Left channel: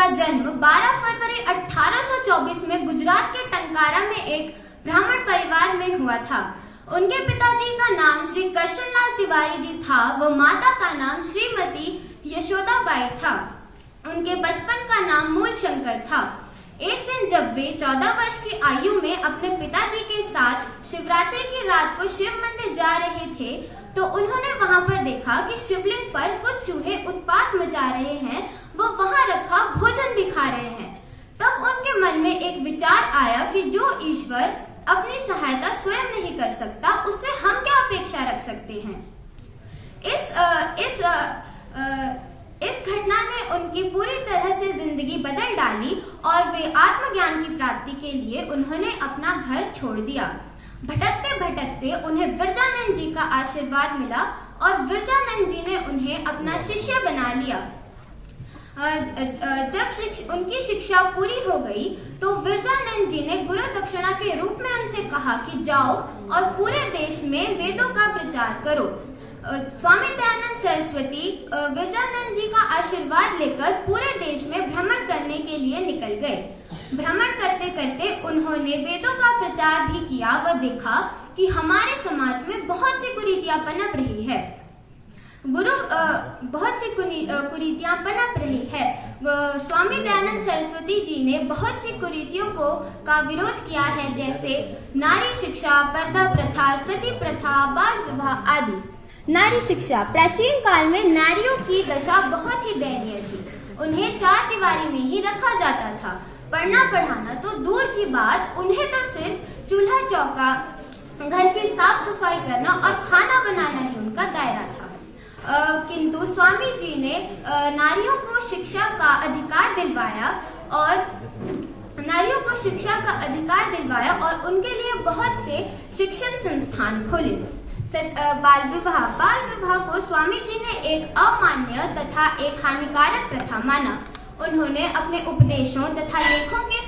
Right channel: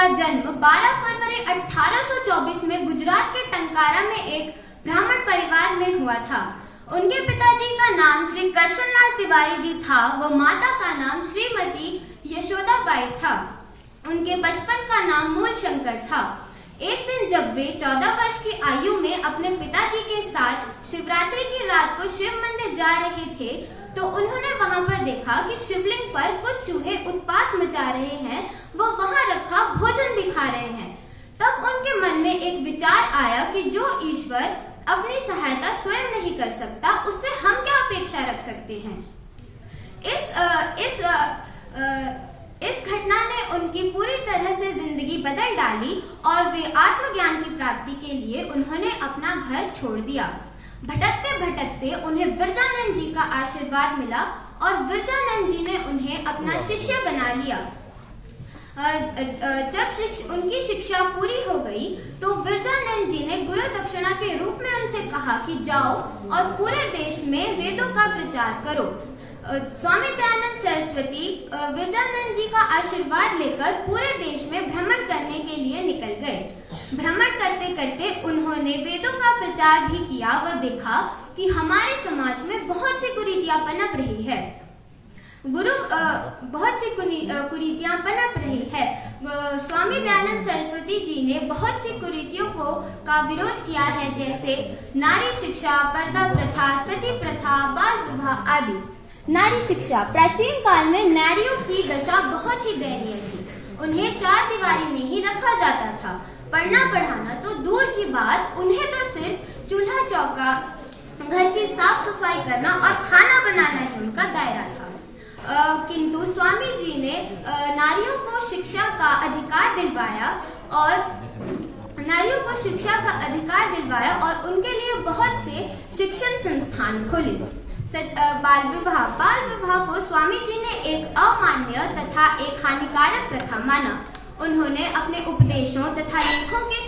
उनका जन्म 12 फरवरी 1824 में गुजरात के टंकारा में एक ब्राह्मण परिवार में हुआ था। उनके पिताजी का नाम श्री करशनलाल तिवारी जी था व माता का नाम श्रीमती यशोदाबाई था। उनके बचपन का नाम मूल शंकर था। एक दिन जब वे 14 वर्ष की आयु में अपने पिताजी के साथ शिवरात्रि की रात को शिव मंदिर जा रहे थे तो उन्होंने वहां पर देखा कि शिवलिंग पर कुछ चूहे उत्पात मचा रहे हैं, वो वहां रखा भोजन भी खा रहे हैं। तब उनके मन में एक विचार आया कि जो ईश्वर अपनी सहायता स्वयं नहीं कर सकता, उससे हम क्या अपेक्षा रख सकते हैं। इस घटना ने उनकी पूरी तरह से जिंदगी बदल डाली और वे आत्मज्ञान की प्राप्ति के लिए उन्होंने अपना घर छोड़ दिया। भटकते भटकते उन्हें विरजानंद जी का आशीर्वाद मिला और विरजानंद जी ने उन्हें अपना शिष्य बना लिया। जब उनकी शिक्षा पूरी हो गई तो विरजानंद जी ने गुरु दक्षिणा के रूप में उनसे कहा कि जाओ और पूरे देश में वेदों का प्रचार करो। स्वामी दयानंद सरस्वती विरजानंद जी का आशीर्वाद लेकर पूरे देश में भ्रमण करने के लिए निकल गए। भ्रमण करते करते उन्होंने वेदों का प्रचार भी किया व देखा कि हमारे समाज में बहुत सी कुरीतियां पनप रही है। कुरीतियां पनप रही है। स्वामी दयानंद सरस्वती जी ने बहुत सी कुरीतियों का विरोध किया है, जैसे नारी शिक्षा, पर्दा प्रथा, सती प्रथा, बाल विवाह आदि। नारी शिक्षा। प्राचीन काल में नारियों की दशा बहुत ही दयनीय थी। उन्हें चार दीवारी में ही रखा जाता था। पढ़ना पढ़ाना तो दूर की बात, उन्हें तो सिर्फ चूल्हा चौका, घर की साफ सफाई करना और खाना बनाना ही उनका दायरा था। किंतु स्वामी जी ने नारियों को शिक्षा का अधिकार दिलवाया और उनके लिए बहुत से शिक्षण संस्थान खोले। बाल विवाह को स्वामी जी ने एक अमान्य तथा एक हानिकारक प्रथा माना। उन्होंने अपने उपदेशों तथा लेखों के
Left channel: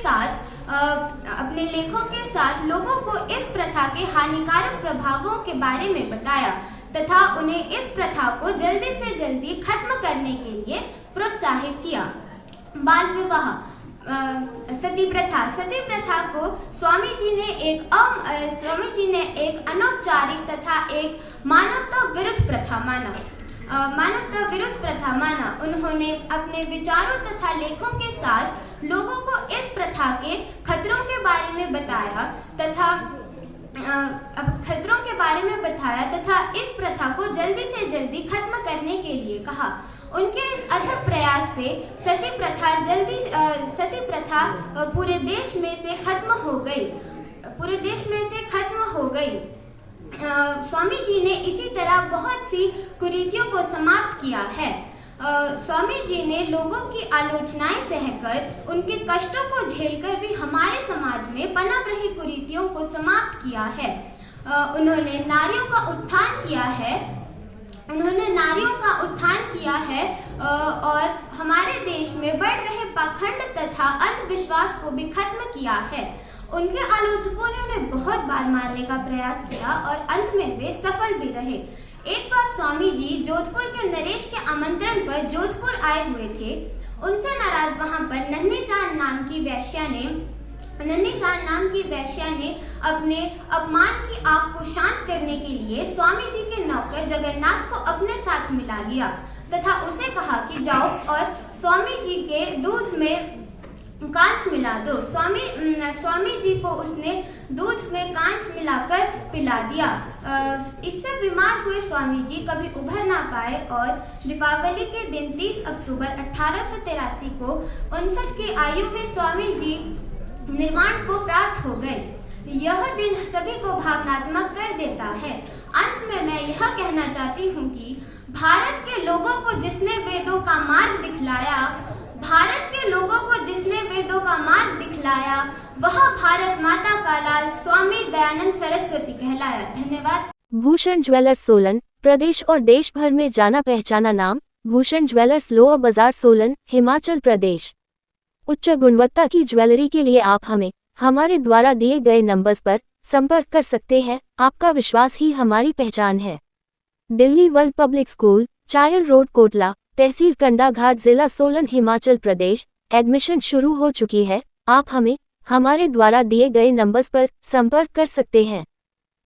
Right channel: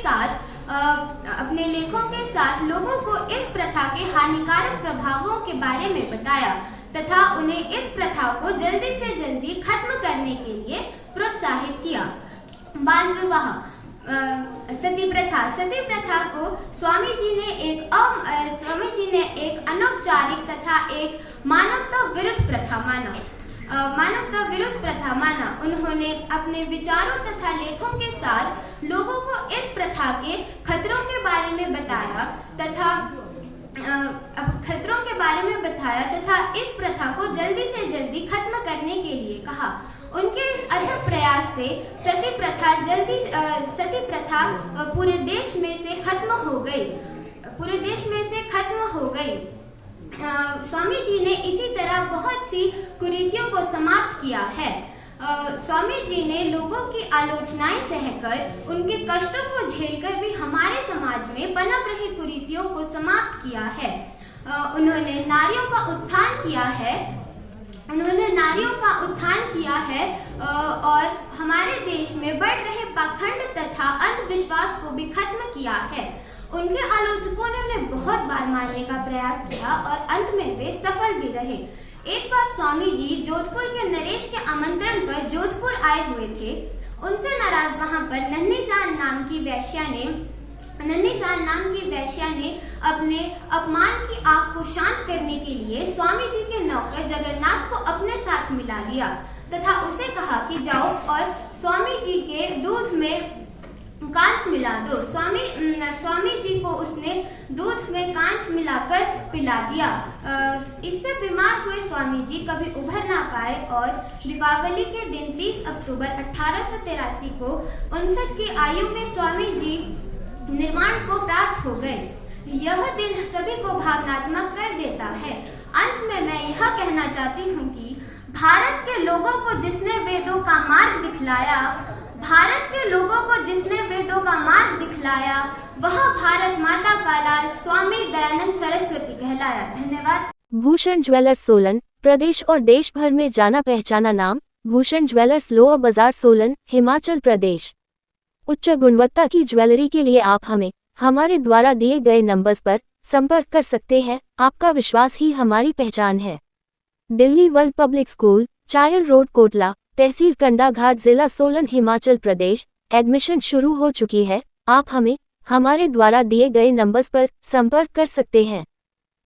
साथ लोगों को इस प्रथा के हानिकारक प्रभावों के बारे में बताया तथा उन्हें इस प्रथा को जल्दी से जल्दी खत्म करने के लिए प्रोत्साहित किया। बाल विवाह। सती प्रथा को स्वामी जी ने एक अनौपचारिक तथा एक मानवता विरुद्ध प्रथा माना। उन्होंने अपने विचारों तथा लेखों के साथ लोगों को इस प्रथा के खतरों के बारे में बताया तथा इस प्रथा को जल्दी से जल्दी खत्म करने के लिए कहा। उनके इस अथक प्रयास से सती प्रथा पूरे देश में से खत्म हो गई। स्वामी जी ने इसी तरह बहुत सी कुरीतियों को समाप्त किया है। स्वामी जी ने लोगों की आलोचनाएं सहकर, उनके कष्टों को झेलकर भी हमारे समाज में पनप रही कुरीतियों को समाप्त किया है। उन्होंने नारियों का उत्थान किया है और हमारे देश में बढ़ रहे पाखंड तथा अंधविश्वास को भी खत्म किया है। उनके आलोचकों ने उन्हें बहुत बार मारने का प्रयास किया और अंत में वे सफल भी रहे। एक बार स्वामी जी जोधपुर के नरेश के आमंत्रण पर जोधपुर आए हुए थे। उनसे नाराज वहां पर नन्ही चांद नाम की वैश्या ने अपने अपमान की आग को शांत करने के लिए स्वामी जी के नौकर जगन्नाथ को अपने साथ मिला लिया तथा उसे कहा कि जाओ और स्वामी जी के दूध में कांच मिला दो। स्वामी जी को उसने दूध में कांच मिलाकर पिला दिया। इससे बीमार हुए स्वामी जी कभी उभर ना पाए और दीपावली के दिन 30 अक्टूबर 1883 को 59 की आयु में स्वामी जी निर्वाण को प्राप्त हो गए। यह दिन सभी को भावनात्मक कर देता है। अंत में मैं यह कहना चाहती हूँ कि भारत के लोगों को जिसने वेदों का मार्ग दिखलाया वह भारत माता का लाल स्वामी दयानंद सरस्वती कहलाया। धन्यवाद। भूषण ज्वेलर्स सोलन, प्रदेश और देश भर में जाना पहचाना नाम। भूषण ज्वेलर्स, लोअर बाजार, सोलन, हिमाचल प्रदेश। उच्च गुणवत्ता की ज्वेलरी के लिए आप हमारे द्वारा दिए गए नंबर्स पर संपर्क कर सकते हैं। आपका विश्वास ही हमारी पहचान है। Delhi world public school, Chail road, Kotla, तहसील कंडाघाट, जिला सोलन, हिमाचल प्रदेश। एडमिशन शुरू हो चुकी है। आप हमें हमारे द्वारा दिए गए नंबर्स पर संपर्क कर सकते हैं।